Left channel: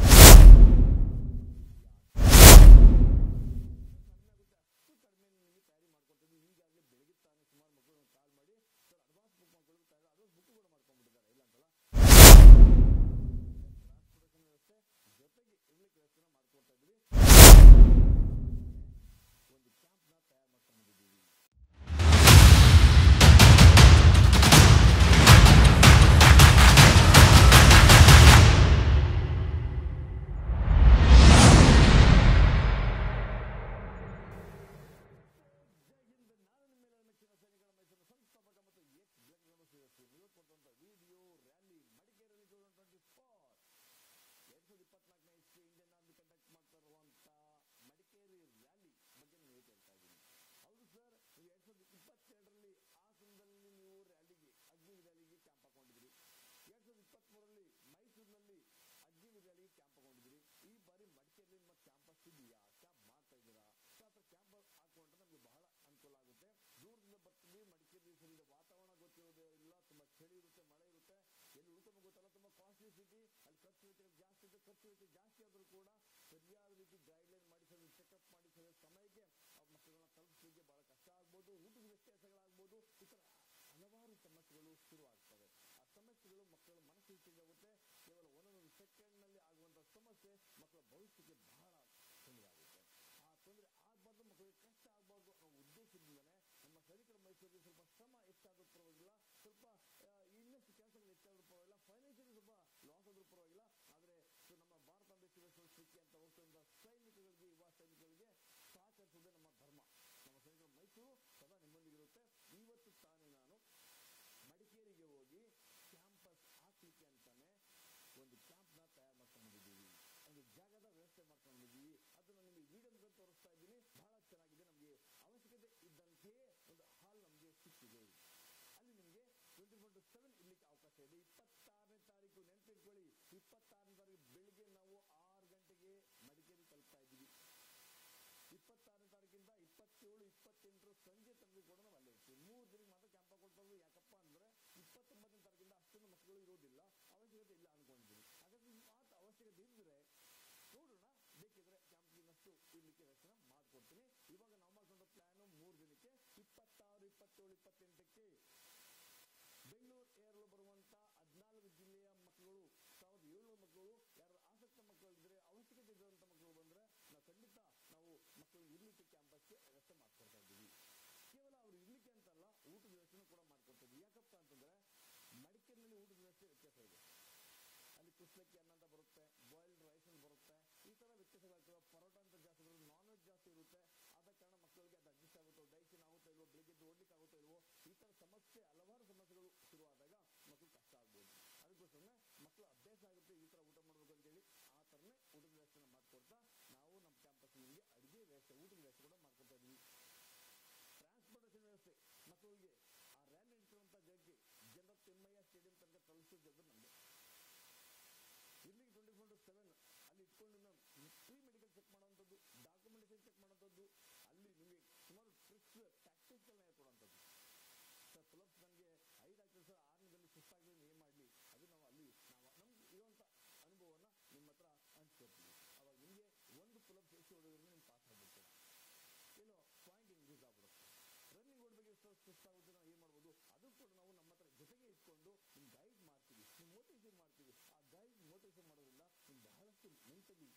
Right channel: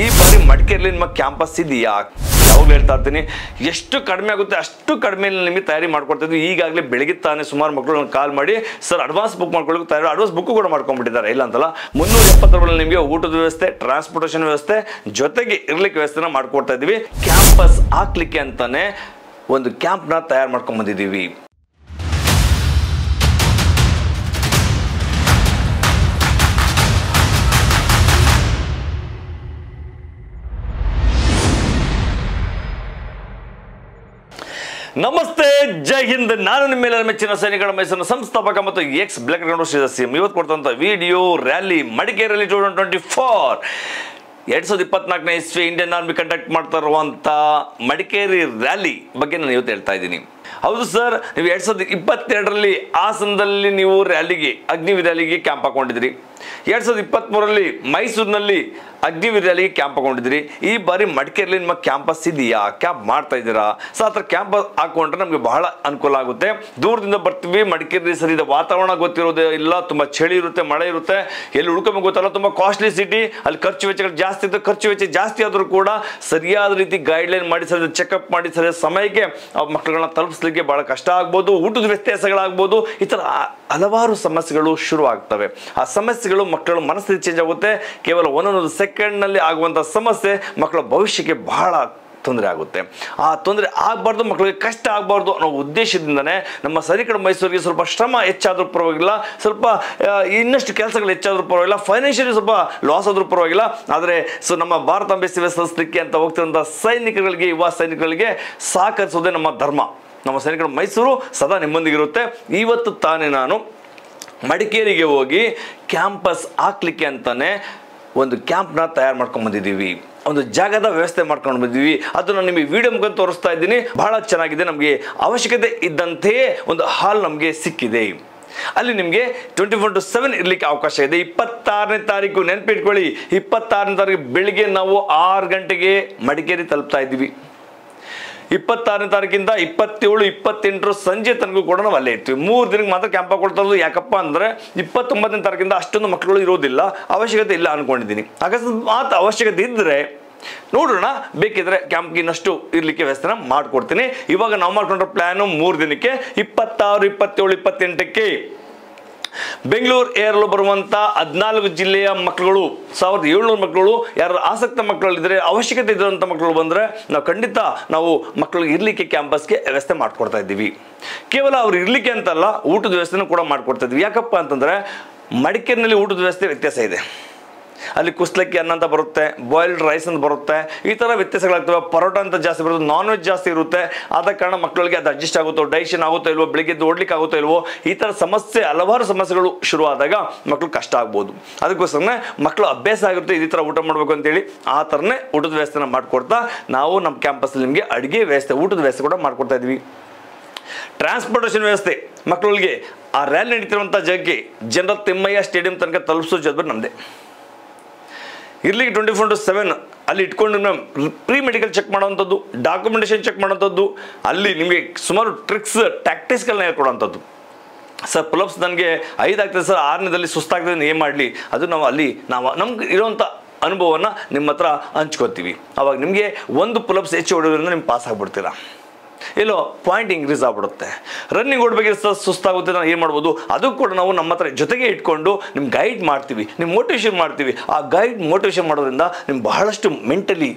ಈ ಬಾರಿ ಮಡಿಕೇರಿಯಲ್ಲಿ ನಿಮ್ಮ ಕ್ಯಾಂಪಸ್ ಇದೆಯಾ? ಯಾವಾಗಲೂ ಹೇಳ್ತಾ ಇರ್ತೀನಿ, ಎಷ್ಟು ಕಡಿಮೆ ಆಗುತ್ತೆ ಅಷ್ಟು ಕಡಿಮೆ ನಿಮಗೆ ತಯಾರಿ ಮಾಡ್ಕೊಡ್ತಿದ್ವಿ. ಈಗಾಗಲೇ ಬೆಳಗ್ಗೆ ತಾನೇ ಸುಮಾರು ಮಕ್ಕಳು ಕಾಲ್ ಮಾಡಿ ಸರ್ ಅಡ್ವಾನ್ಸ್ ಬುಕ್ ಮಾಡ್ಕೊಳ್ಳೋಕೆ ತಯಾರಿ, ಅಡ್ವಾನ್ಸ್ ಬುಕ್ ಕೂಡ ಮಾಡ್ಕೊಂಡ್ಬಿಟ್ಟಿದ್ದಾರೆ. ಇಲ್ಲ ಅಂತಲ್ಲ, 370 ನಿಮಗೆ ಊಟದ ವ್ಯವಸ್ಥೆ, ಟ್ರಾನ್ಸ್ಪೋರ್ಟೇಷನ್ ವ್ಯವಸ್ಥೆ ಜೊತೆಗೆ ಇರ್ಲಿಕ್ಕೆ ವ್ಯವಸ್ಥೆನ ಮಾಡ್ಕೊಡ್ತಾ ಇದ್ದೀವಿ. ಕ್ಯಾಂಪಸ್ ಹಾಕ್ಲಿಕ್ಕೆ ಅಂತಾನೆ ಒಂದು ಕ್ಯಾಂಪ್ನ ತಯಾರು ಮಾಡ್ಕೊಂಡ್ ಬಂದಿದ್ದೀವಿ. ನಮಸ್ತೆ, ಜೈ ಹಿಂದ್. ನಾನು ನಿಮ್ಮ ಮೇಲೆ ಮೆಚ್ಚಿನ ಸೈನಿಕರ ಮೈಸೂರಿನ ಸಂಸ್ಥಾಪಕ ಮತ್ತು ಎಕ್ಸ್ ಬ್ಲಾಕ್ ಗ್ರೌಂಡ್ ಸದಸ್ಯ. ಇವತ್ತು ಕೊಡ್ತಂತ ವಿಡಿಯೋ ರ್ಯಾಲಿ ಮಡಿಕೇರಿಯಲ್ಲಿ 2024 2024ನೇ ಇಸ್ವಿ ಇಂಡಿಯನ್ ಆರ್ಮಿ ಕಂಡಕ್ಟ್ ಮಾಡ್ತಾ ಇರುವಂತ ಮಡಿಕೇರಿ ರ್ಯಾಲಿ ಬಗ್ಗೆ ನಾನು ಇವತ್ತು ಹೇಳ್ತಾ ಇದ್ದೀನಿ. ಹೌದು ಸರ್, ನೀವು 2022ರಲ್ಲಿ ಹಾಸನದಲ್ಲಿ ನೀವು ರ್ಯಾಲಿಗೆ ಅಗ್ನಿವೀರ್ ರ್ಯಾಲಿಗೆ ಕ್ಯಾಂಪ್ ಹಾಕೊಂಡಿದ್ರಿ. 2023ರಲ್ಲಿ ಮೈಸೂರಿನಲ್ಲಿ ಅಗ್ನಿವೀರ್ ರ್ಯಾಲಿಗೆ ಕ್ಯಾಂಪ್ ಹಾಕೊಂಡಿದ್ರಿ. ಈ ಬಾರಿ ಮಡಿಕೇರಿಯಲ್ಲಿ ನಿಮ್ಮ ಕ್ಯಾಂಪಸ್ ಇದೆಯಾ? ಕ್ಯಾಂಪ್ ಮಾಡ್ತಾ ಇದ್ದೀರಾ? ಸೊ ಆ ಥರ ಕ್ಯಾಂಪ್ ಹಾಕೊಂಡ್ರೆ ನಮಗೆ ಬಹಳ ಅನುಕೂಲ ಆಗುತ್ತೆ. ದೂರದಿಂದ ಬರ್ತೀವಿ, ಮಡಿಕೇರಿ ಸರಿ ಇದೆ, ವಾತಾವರಣ ಗೊತ್ತಿರೋದೇ ಇಲ್ಲ, ತುಂಬ ಚಳಿ ಇರುತ್ತೆ, ಮಳೆ ಇರುತ್ತೆ, ಎಲ್ಲಿ ಉಳ್ಕೊಬೇಕು ಗೊತ್ತಲ್ಲ, ತುಂಬ ಕಾಸ್ಟ್ಲಿ ಸಿಟಿ, ಅಲ್ಲಿ ಖರ್ಚು ವೆಚ್ಚಗಳು ಜಾಸ್ತಿ ಇರುತ್ತೆ. ಖರ್ಚು ವೆಚ್ಚ ಜಾಸ್ತಿ ಆದರೂ ಕೂಡ ಸರಿಯಾದ ರೀತಿ ಗೈಡ್ಲೈನ್ ಮಾಡಿ, ಸರಿ ಚೆಕಪ್ ಮಾಡಿ, ಸರಿಯಾದ ಸಮಯಕ್ಕೆ ಮಕ್ಕಳುಗಳನ್ನ ತಲುಪಿಸ್ಲಿಕ್ಕೆ ಬಹಳ ಕಷ್ಟ ಆಗ್ಬೋದು, ಊಟದ ವ್ಯತ್ಯಾಸಗಳಾಗ್ಬೋದು, ಈ ಥರ ಹಲವಾರು ಸಮಸ್ಯೆಗಳು ಶುರು ಆಗ್ತವೆ. ಆ ಸಮಸ್ಯೆಗಳು ಮಕ್ಕಳ ಮನಸ್ಥಿತಿ ಚೇಂಜ್ ಆಗುತ್ತೆ. ಕೇವಲ ಒಂದೊಂದು ಸೆಕೆಂಡ್ನಲ್ಲಿ ಆಗುವಂಥ ಸಮಸ್ಯೆ ಮಕ್ಕಳ ಭವಿಷ್ಯಕ್ಕೆ ಬಹಳ ತೊಂದರೆ ಆಗುತ್ತೆ. ಆ ತೊಂದರೆ ಆಗಬಾರ್ದು, ಮಕ್ಕಳಿಗೆ ಕಷ್ಟ ಆಗಬಾರ್ದು ಅನ್ನೋ ಉದ್ದೇಶದಿಂದನೇ ನಮ್ಮ ಸೈನಿಕರ ಮೈಸೂರಿಗೆ ಸ್ವಲ್ಪ ಶ್ರಮ ಹೆಚ್ಚಾದರೂ ಪರವಾಗಿಲ್ಲ, ಸ್ವಲ್ಪ ಇನ್ನಷ್ಟು ಕೆಲಸಗಳು ಹೆಚ್ಚಾದರೂ ಪರವಾಗಿಲ್ಲ, ಫೈನಾನ್ಷಿಯಲಿ ಸ್ವಲ್ಪ ಲಾಸ್ ಆದರೂ ಪರವಾಗಿಲ್ಲ, ಆದರೆ ನಮ್ಮ ಭಾರತಾಂಬೆ ಸೇವೆ ಸಲ್ಲಿಸಲಿಕ್ಕೆ ಅಂತ ಹೋಗ್ತಿರುವಂಥ ಸೈನಿಕರಿಗೆ, ಯುವ ಸೈನಿಕರಿಗೆ ಸಹಕರಿಸೋದೇ ನಮ್ಮ ಧರ್ಮ. ನಮ್ಮ ಸೈನಿಕರ ಮೈಸೂರು ಸದಾ ನಿಮ್ಮೊಂದಿಗಿರುತ್ತೆ. ಇವತ್ತು ತಾನೇ ನಾನು ಮಡಿಕೇರಿಗೆ ಹೋಗಿ ಕ್ಯಾಂಪಸ್ ಹಾಕ್ಲಿಕ್ಕೆ ಅಂತಾನೆ ಒಂದು ಕ್ಯಾಂಪ್ನ ತಯಾರು ಮಾಡ್ಕೊಂಡು ಬಂದಿದ್ದೀವಿ. ಒಂದು ಜಾಗದ ವ್ಯವಸ್ಥೆ ಮಾಡ್ಕೊಂಡು ಬಂದಿದ್ದೀವಿ. ಅದು ನಾನು ನಿಮಗೆ ವಿಡಿಯೋ ಮುಖಾಂತರ ತೋರಿಸ್ತಾ ಇದ್ದೀನಿ. ಬಹಳ ಚೆನ್ನಾಗಿದೆ. ನಮಗೆ ಅವಶ್ಯಕತೆ ಇದ್ದಂತೆಯೇ ಒಂದು ಹಾಲ್ ನಮಗೆ ಸಿಕ್ಕಿದೆ. ಅಲ್ಲಿ ನಿಮಗೆ 24/7 ಇರ್ಲಿಕ್ಕೆ ಅವಕಾಶ ಇದೆ. 26ನೇ ತಾರೀಕು ನೆನಪಿಟ್ಕೊಳ್ಳಿ, 26ನೇ ತಾರೀಕು ಬೆಳಿಗ್ಗೆ ನಾವು 6 ಗಂಟೆಗೆ ಮಡಿಕೇರಿ ತಲುಪ್ತಾ ಇದ್ದೀವಿ. 26ನೇ ತಾರೀಕಿಂದ 27, 28 ಸಂಜೆ ತನಕ ಕೂಡ ನಾವು ಅಲ್ಲೇ ಇರ್ತೀವಿ. 3 ದಿನಕ್ಕೆ ಮಾತ್ರ ಕ್ಯಾಂಪ್ ಹಾಕೊಳ್ತಾ ಇರೋದು. ಯಾಕಪ್ಪ ಅಂದರೆ 29ನೇ ತಾರೀಕಿಂದ ಅಷ್ಟೊಂದು ಮಕ್ಕಳು ಇರೋದಿಲ್ಲ, ಅವಶ್ಯಕತೆ ಇಲ್ಲ ಅನ್ಕೊಂಡಿದ್ದೀನಿ. ಅಕಸ್ಮಾತ್ ಅವಶ್ಯಕತೆ ಇದ್ದರೆ ನೋಡೋಣ, ಬೇಕಿದ್ರೆ ಕ್ಯಾಂಪ್ಗೆ ಇನ್ನಷ್ಟು ಇರ್ಲಿಕ್ಕೆ ವ್ಯವಸ್ಥೆನ ಮಾಡ್ಕೊಡ್ತೀನಿ. ಇವಾಗ ನಾವು ಮಾಡ್ಕೊಂಡ್ರ ಪ್ಲಾನು 3 ದಿನಕ್ಕೆ 26, 27, 28ಕ್ಕೆ ಬೆಂಗಳೂರು ಏರಲು ಬರುವಂತ 14 ಜಿಲ್ಲೆಯ ಮಕ್ಕಳುಗಳು, 1700 ಮಕ್ಕಳು, ಯಾರು ಆಸಕ್ತ ಮಕ್ಕಳಿದ್ರೆ, ಅವಶ್ಯಕತೆ ಇದ್ದಂಥ ಮಕ್ಕಳು ಬಂದರೆ ನಾವು ಖಂಡಿತ ನಾವು ಮಕ್ಕಳಿಗೆ ಇರ್ಲಿಕ್ಕೆ ಕ್ಯಾಂಪಸ್ಗೆ ವ್ಯವಸ್ಥೆ ಮಾಡ್ಕೊಡ್ತಾ ಇದ್ದೀವಿ. ಕೇವಲ ಅವ್ರು ಇರ್ಲಿಕ್ಕೆ ಅಂತಲ್ಲ, ಊಟದ ವ್ಯವಸ್ಥೆನೂ ಕೂಡ ಮಾಡ್ಕೊಡ್ತಾ ಇದ್ವಿ. ಯಾಕಪ್ಪ ಅಂತಂದ್ರೆ ಮಡಿಕೇರಿನಲ್ಲಿ ಊಟದ ವ್ಯವಸ್ಥೆ ವ್ಯತ್ಯಾಸ ಇದೆ. ಅಲ್ಲಿ ಕುಸ್ಲಕ್ಕಿ ಅನ್ನ ಅಂತ ಬರುತ್ತೆ, ಬಾಯ್ಲ್ಡ್ ರೈಸ್ ಅಂತ ಬರುತ್ತೆ, ಈ ಥರ ವ್ಯತ್ಯಾಸಗಳಾಗ್ತವೆ. ಪರೋಟ ಅಂತ ಜಾಸ್ತಿ ಬರುತ್ತೆ, ನಾನ್ ವೆಜ್ ಜಾಸ್ತಿ ಇರುತ್ತೆ. ಆದ ಕಾರಣ ಮಕ್ಕಳಿಗೆ ಅದು ಅಡ್ಜಸ್ಟ್ ಆಗುತ್ತೋ, ಡೈಜೆಷನ್ ಆಗುತ್ತೋ ಇಲ್ವೋ, ಬೆಳಿಗ್ಗೆ ಓಡ್ಲಿಕ್ಕೆ ಆಗುತ್ತೋ ಇಲ್ವೋ, ಈ ಥರ ಸಮಸ್ಯೆ, ಹಲವಾರು ಸಮಸ್ಯೆಗಳು ಶುರು ಆದಾಗ ಮಕ್ಕಳು ಕಷ್ಟ ಆಗ್ಬೋದು. ಅದಕ್ಕೋಸ್ಕರನೇ ಮಕ್ಕಳು ಅಭ್ಯಾಸ ಆಗಿರುತ್ತೆ ಈ ಥರ ಊಟ ಮಾಡಬೇಕು ಅಂತೇಳಿ. ಆ ಥರನೇ ಊಟದ ವ್ಯವಸ್ಥೆನ ಮಾಡಿಕೊಡ್ತಾ ನಾವು ನಮ್ಮ ಕ್ಯಾಂಪಸ್ಸಲ್ಲಿ ನಿಮಗೆ ಅಡುಗೆ ವ್ಯವಸ್ಥೆ, ಊಟದ ವ್ಯವಸ್ಥೆ ಕೂಡ ಮಾಡಿಕೊಡ್ತಾ ಇದ್ವಿ. ಟ್ರಾನ್ಸ್ಪೋರ್ಟೇಷನ್ ವ್ಯವಸ್ಥೆ ಮಕ್ಕಳಿಗೆ ಆ ರ್ಯಾಲಿ ನಡೀತಿರುವಂಥ ಜಾಗಕ್ಕೆ ಜನರಲ್ ತಿಮ್ಮಯ್ಯ ಸ್ಟೇಡಿಯಂ ತನಕ ತಲುಪಿಸೋ ಜವಾಬ್ದಾರಿ ನಮ್ಮದೇ. ಇರ್ಲಿಕ್ಕೆ 24/7 ಅಲ್ಲಿ ಇಟ್ಕೊಂಡು ನಾವು ಪ್ರೀ ಮೆಡಿಕಲ್ ಚೆಕ್ ಮಾಡೋವಂಥದ್ದು, ಡಾಕ್ಯುಮೆಂಟೇಷನ್ ಚೆಕ್ ಮಾಡೋವಂಥದ್ದು, ಅಲ್ಲಿ ನಿಮಗೆ ಸುಮಾರು ಟ್ರಿಕ್ಸ್, ಟ್ಯಾಕ್ಟಿಕ್ಸ್ಗಳನ್ನ ಹೇಳ್ಕೊಡೋವಂಥದ್ದು. ಸರ್ ಪುಲಪ್ಸ್ ನನಗೆ 5 ಆಗ್ತದೆ ಸರ್, 6ನೇದಲ್ಲಿ ಸುಸ್ತಾಗ್ತದೆ, ಏನು ಮಾಡಲಿ, ಅದು ನಾವು ಅಲ್ಲಿ ನಮ್ಗೆ ಇರೋವಂಥ ಅನುಭವವನ್ನು ನಿಮ್ಮ ಹತ್ರ ಹಂಚ್ಕೊತೀವಿ. ಅವಾಗ ನಿಮಗೆ 1 ಪುಲಪ್ಸ್ ಹೆಚ್ಚು ಹೊಡೋದ್ರಿಂದ ನಿಮ್ಗೆ ಪಾಸ್ ಆಗಿಬಿಡ್ತೀರಾ, ಎಲ್ಲೋ ಪಾಯಿಂಟ್ ಇಂಕ್ರೀಸ್ ಆಗ್ಬಿಡುತ್ತೆ. ರನ್ನಿಂಗ್ ಓಡಬೇಕಿದ್ರೆ ಸುಸ್ತಾಗುತ್ತೆ, ನಾವು ಏನು ಮಾಡ್ಬೋದು, ಅದು ಕೂಡ ನಾವು ನಮ್ಮ ಹತ್ರ ಜೊತೆಗೆ ಇಟ್ಕೊಂಡು ನಿಮ್ಗೆ ಗೈಡ್ ಮಾಡ್ತೀವಿ, ನಿಮ್ಗೆ ಮೋಟಿವೇಶನ್ ಮಾಡ್ತೀವಿ. ಆ ಗೈಡ್ ಮೋಟಿವೇಶನ್ ಮಾಡೋದ್ರಿಂದ ನಿಮ್ಗೆ ಬಹಳಷ್ಟು ಮೆಂಟಲಿ,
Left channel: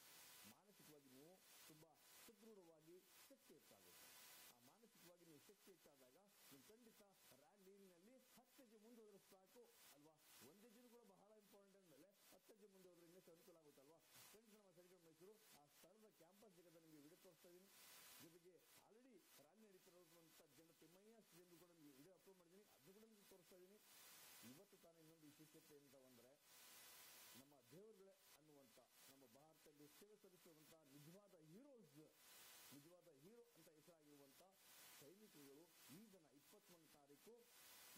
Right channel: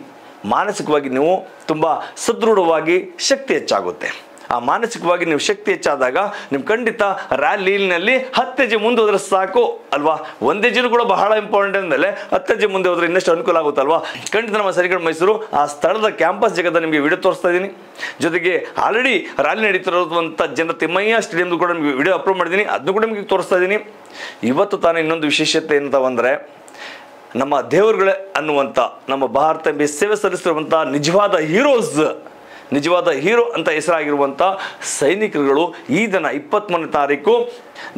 ಮಾನಸಿಕವಾಗಿ ನೀವು ತುಂಬ ಸದೃಢವಾಗಿ ಶಕ್ತಿ ಹೆಚ್ಚಾಗುತ್ತೆ. ಆ ಮಾನಸಿಕವಾಗಿ ನೀವು ಶಕ್ತಿ ಹೆಚ್ಚಾದಾಗ ನೀವು ಖಂಡಿತ ರ್ಯಾಲಿನಲ್ಲಿ 10 ಹೆಜ್ಜೆ ಮುಂದೆ ಹೋದ್ರೆ ಸಾಕು ಅಲ್ವಾ. 1 ಹೆಜ್ಜೆನೂ ಕೂಡ ಬಹಳ ಇಂಪಾರ್ಟೆಂಟ್ ಅಂದಮೇಲೆ 10 ಹೆಜ್ಜೆ ಮುಂದೆ ಹೋದ್ರೆ ಇನ್ನಷ್ಟು ಅನುಕೂಲ ಆಗುತ್ತಲ್ವಾ. ಖಂಡಿತ ನಮ್ಮ ಸೈನಿಕರ ಮೈಸೂರು ಆ ಸ್ಥಳದ ಕ್ಯಾಂಪಸ್ ಜಾಗದ ನಿಮಗೆ ವಿಡಿಯೋ ತೋರಿಸ್ತಾ ಇದ್ದೀನಿ. ಜೊತೆಗೆ ಆಲ್ರೆಡಿ ರ್ಯಾಲಿ ನಡೀತಿರೋದಂಥ ಜನರ ತಿಮ್ಮಯ್ಯ ಸ್ಟೇಡಿಯಂ ಕೂಡ ನಿಮಗೆ ವಿಡಿಯೋ ಅಪ್ಲೋಡ್ ಮಾಡಿದ್ದೀನಿ, ಅದನ್ನು ಕೂಡ ನಿಮಗೆ ತೋರಿಸ್ತಾ ಇದ್ದೀನಿ. ಇವತ್ತು ತಾನೇ ಇನ್ನೊಂದು ವಿಶೇಷತೆ ಅಂತ ಬಂದರೆ, ನಮ್ಮ ದೇವರುಗಳೇ ಅನ್ನುವಂಥ ನಮ್ಮ ಭಾರತ ಸೇವೆ ಸಲ್ಲಿಸಿರುವಂಥ ನಿಜವಾದ ಹೀರೋ ಅಂತ ಹೆಸರಾಗಿರುವಂಥ ಸೈನಿಕರುಗಳು ಈ ದಿನ 23ನೇ ತಾರೀಕು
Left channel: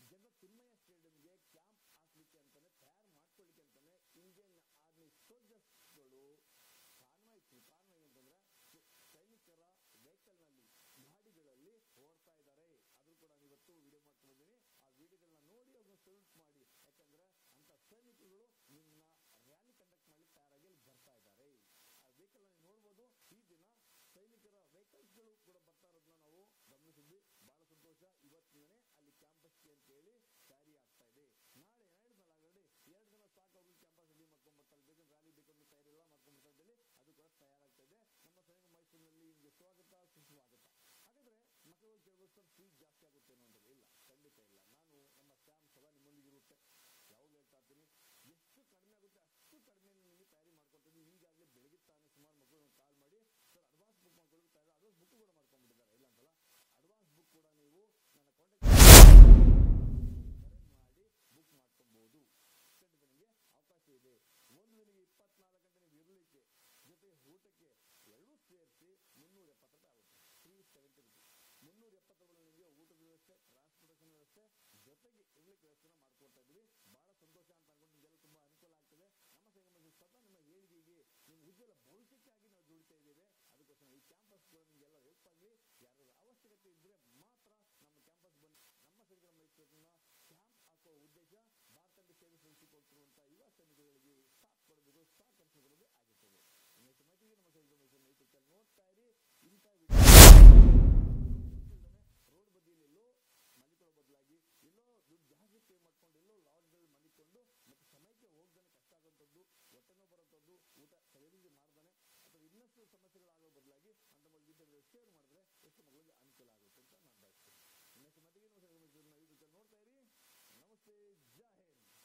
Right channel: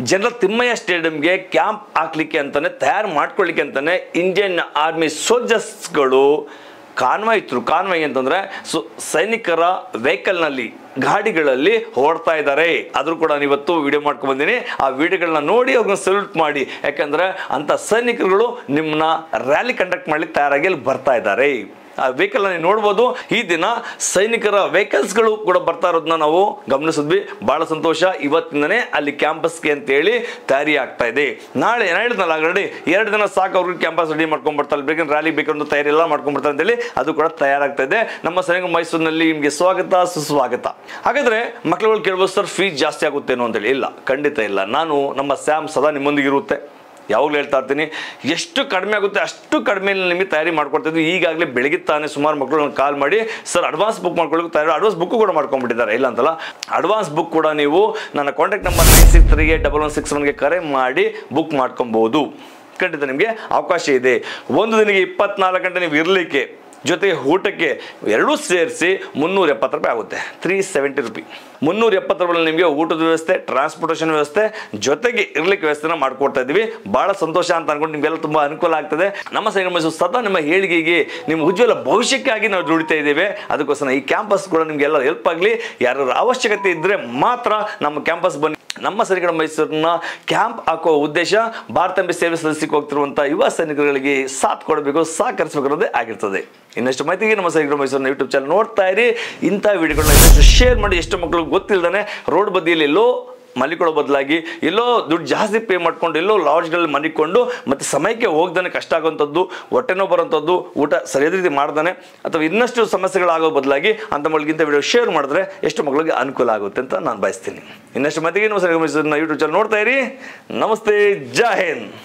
ಜನರಲ್ ತಿಮ್ಮಯ್ಯ ಸ್ಟೇಡಿಯಂಗೆ ಕ್ಯಾಂಪ್ ಹಾಕ್ಲಿಕ್ಕೆ ಅಂತಾನೆ, ತಯಾರು ಮಾಡ್ಕೊಳ್ಳಿಕ್ಕೆ ಅಂತಾನೆ ಇಂಡಿಯನ್ ಆರ್ಮಿ ಸೋಲ್ಜರ್ಸ್ಗಳು ಕಾನ್ವಾಯ್ ಇತ್ತು. ಕಾನ್ವಾಯ್ ಅಂತಂದ್ರೆ ಸೈನಿಕರ ವೆಹಿಕಲ್ನಲ್ಲಿ ಗಾಡಿಗಳಲ್ಲಿ ಓಡ್ತಾ ಇದ್ದಾರೆ. ಆದ್ರೂ ಕೂಡ ಇವತ್ತು ವಿಡಿಯೋ ಮಾಡ್ಕೊಂಡು ಬಂದೀನಿ. ಆ ವಿಡಿಯೋಗಳನ್ನ ನೋಡಿ ಅವ್ರನ್ನ ಸಲ್ಯೂಟ್ ಮಾಡಿ. ಯಾಕಂದ್ರೆ ಅಂತ ಸೈನಿಕರುಗಳು ನಿಮ್ಮನ್ನ ರ್ಯಾಲಿ ಕಂಡಕ್ಟ್ ಮಾಡ್ಲಿಕ್ಕೆ ತಯಾರಾಗಿ ಅಲ್ಲಿ ಬರ್ತಾ ಇದ್ದಾರೆ. ಆ ವೆಹಿಕಲ್ ನೀವು ನೋಡ್ಬೋದು. ಈ ದಿನ ಸೈನಿಕರ ವೆಹಿಕಲ್ಸ್ಗಳು ಕೂಡ ಬರ್ತಾ ಇರೋದನ್ನ ನಾವು ಗಮನಿಸಿದ್ವಿ. ಬಹಳ ಸಂತೋಷ. ಇವತ್ತಿಂದನೇ ಅಲ್ಲಿ ಕ್ಯಾಂಪಸ್ಗೆ ಅಂತೇಳಿ ತಯಾರಿ ಆಗ್ತಾ ಇದೆ. ನಾಳೆ ಹೇಳಿದ್ನಲ್ಲ ಆಲ್ರೆಡಿ 2 ದಿನ ಸಾಕು ಅವ್ರಿಗೆ ಕ್ಯಾಂಪಸ್ ರೆಡಿ ಮಾಡ್ಕೊಂಡ್ ಬರ್ತಾರೆ. ಬೇಕಂದ್ರೆ ರ್ಯಾಲಿ ಬೇಕಂದ್ರೆ ತಯಾರಿ ಎಲ್ಲ ಮಾಡ್ಕೊಂಡ್ ಬರ್ತಾರೆ ಅಂತೇಳಿ ಅದು ಕೂಡ ತಯಾರಾಗ್ತಾ ಇದೆ. ನಮ್ಮ ಸೈನಿಕ ಮೈಸೂರಿನಲ್ಲಿ ನಿಮಗೆ ಸ್ವಾಗತ ಸುಸ್ವಾಗತ. ಹಾಗಾದ್ರೆ ಮಕ್ಕಳುಗಳು ಕೇಳ್ಬೋದು, ಸರ್ ಫೀಸ್ ಜಾಸ್ತಿ ಆಗುತ್ತೇನೋ ಅಂತೇಳಿ. ಇಲ್ಲ, ಖಂಡಿತ ಇಲ್ಲ. ನಮ್ಮ ಸ್ಯಾಮ್ ಸದಾ ನಿಮ್ಮೊಂದಿಗೆ ಇರುತ್ತೆ. ಯಾವಾಗಲೂ ಹೇಳ್ತಾ ಇರ್ತೀನಿ, ಎಷ್ಟು ಕಡಿಮೆ ಆಗುತ್ತೆ ಅಷ್ಟು ಕಡಿಮೆ ನಿಮಗೆ ತಯಾರಿ ಮಾಡ್ಕೊಡ್ತಾ ಇದ್ವಿ. ಈಗಾಗಲೇ ಬೆಳಗ್ಗೆ ತಾನೇ ಸುಮಾರು ಮಕ್ಕಳು ಕಾಲ್ ಮಾಡಿ, ಸರ್ ಅಡ್ವಾನ್ಸ್ ಬುಕ್ ಮಾಡ್ಕೊಳ್ಳೋಕೆ ತಯಾರಿ, ಅಡ್ವಾನ್ಸ್ ಬುಕ್ ಕೂಡ ಮಾಡ್ಕೊಂಡ್ಬಿಟ್ಟಿದ್ದಾರೆ. ಇಲ್ಲ ಅಂತಲ್ಲ, ಅಡ್ವಾನ್ಸ್ ಬುಕ್ ಕೂಡ ನೀವು ನನ್ನ ಕಾಂಟ್ಯಾಕ್ಟ್ ನಂಬರ್ 96381161ಗೆ ಕರೆ ಮಾಡಿ ಬುಕ್ ಮಾಡ್ಕೊಬಹುದು. ಖಂಡಿತ ನಿಮಗೆ ಅವಕಾಶ ಇದೆ. ಒಂದು ದಿನಕ್ಕೆ 24 ಗಂಟೆ ನೀವು ಇರಲಿಕ್ಕೆ, ಜೊತೆಗೆ ಊಟಕ್ಕೆ ಎರಡೂ ಸೇರಿಸಿ 370 ರೂಪಾಯಿ ಆಗುತ್ತೆ. 370 ರೂಪಾಯಿ. 370 ರೂಪಾಯಿ ನಿಮಗೆ ಊಟದ ವ್ಯವಸ್ಥೆ, ಟ್ರಾನ್ಸ್ಪೋರ್ಟೇಷನ್ ವ್ಯವಸ್ಥೆ, ಜೊತೆಗೆ ಇರ್ಲಿಕ್ಕೆ ವ್ಯವಸ್ಥೆನ ಮಾಡ್ಕೊಡ್ತಾ ಇದ್ದೀವಿ. ಬಹಳ ಸಂತೋಷ ಅಂತ ಅನ್ಕೊಂಡು ನಿಮಗೆಲ್ಲ ತುಂಬಾ ಅನುಕೂಲ ಆಗ್ತದೆ. ನಮ್ಮ ಸೈನಿಕ ಮೈಸೂರು ಸದಾ ನಿಮ್ಮ ಏಳಿಗೆಗೆ, ನಿಮ್ಮ ಉಜ್ವಲ ಭವಿಷ್ಯಕ್ಕಾಗಿ ನಾವು ದುಡಿತಾ ಇದ್ದೇವೆ. ಅದಕ್ಕೋಸ್ಕರ ಈ ಕ್ಯಾಂಪಸ್ ಕೂಡ ನಿಮಗೆಲ್ಲ ಹೆಲ್ಪ್ ಆಗಲಿ. ಯಾರ ಅವಶ್ಯಕತೆ ಇದ್ರೆ ಮಾತ್ರ ನಮ್ಮ ಕ್ಯಾಂಪಸ್ ಬನ್ನಿ. ನಮ್ಮ ಸೈನಿಕರ ಮೈಸೂರನ್ನ ಕ್ಯಾಂಪ್ ಹಾಕುವ ಉದ್ದೇಶ ಭಾರತಾಂಬೆ ಸೇವೆ ಸಲ್ಲಿಸಲಿಕ್ಕೆ ಹೋಗ್ತಿರುವಂತಹ ಯುವ ಸೈನಿಕರಿಗೆ ಸಾಥ್ ಕೊಡಬೇಕು, ಸಹಕರಿಸಬೇಕನ್ನೋದೇ ಆಗಿರ್ತದೆ. ಇನ್ನಷ್ಟು ಮಾಹಿತಿಗೆ ನಮ್ಮ ಸೈನಿಕರ ಮೈಸೂರಿನ ಯೂಟ್ಯೂಬ್ ಚಾನಲ್ ನೋಡ್ತಾ ಇರಿ. ಇಂಥ ವಿಡಿಯೋಗಳನ್ನ ಶೇರ್ ಮಾಡಿ. ಎಷ್ಟು ಮಕ್ಕಳು ಗೊತ್ತಿಲ್ಲದಾನೆ ರೋಡ್ ಬದಿಯಲ್ಲಿ ಎಲ್ಲೋ ಮಲಿಕೊಳ್ಳೋ ಬದಲಾಗಿ ಎಲ್ಲೋ ದುಡ್ಡು ಜಾಸ್ತಿ ಪೇ ಮಾಡ್ಕೊಂಡು ಎಲ್ಲೋ ಲಾಡ್ಜ್ಗಳಲ್ಲಿ ಮಲಿಕೊಂಡು ಮತ್ತೆ ಸಮಯಕ್ಕೆ ಹೋಗ್ದಾನೆ ಕಷ್ಟ ಆಗುವಂಥದ್ದು, ಹೊಟ್ಟೆನೋ ಬರೋಂಥದ್ದು, ಊಟ ಸರಿಯಾದ ರೀತಿ ಮಾಡ್ದಾನೆ ಅಥವಾ ಇನ್ನಷ್ಟು ಸಮಸ್ಯೆಗಳಾಗೋ ಬದಲಾಗಿ ಅಂತ ಮಕ್ಕಳಿಗಿಂತ ವಿಡಿಯೋ ಶೇರ್ ಮಾಡಿದ್ರೆ ಎಷ್ಟು ಮಕ್ಕಳಿಗೆ ಅನುಕೂಲ ಆಗುತ್ತೆ ಅಂತ ನಾನು ಬಯಸ್ತೀನಿ. ಇನ್ನಷ್ಟು ಮಾತಿಗೆ ನಮ್ಮ ಸೈನಿಕ ಮೈಸೂರಿನ ಯೂಟ್ಯೂಬ್ ಚಾನಲ್ ನೋಡ್ತಾ ಇರಿ. ನಮಸ್ತೆ, ಜೈ ಹಿಂದ್.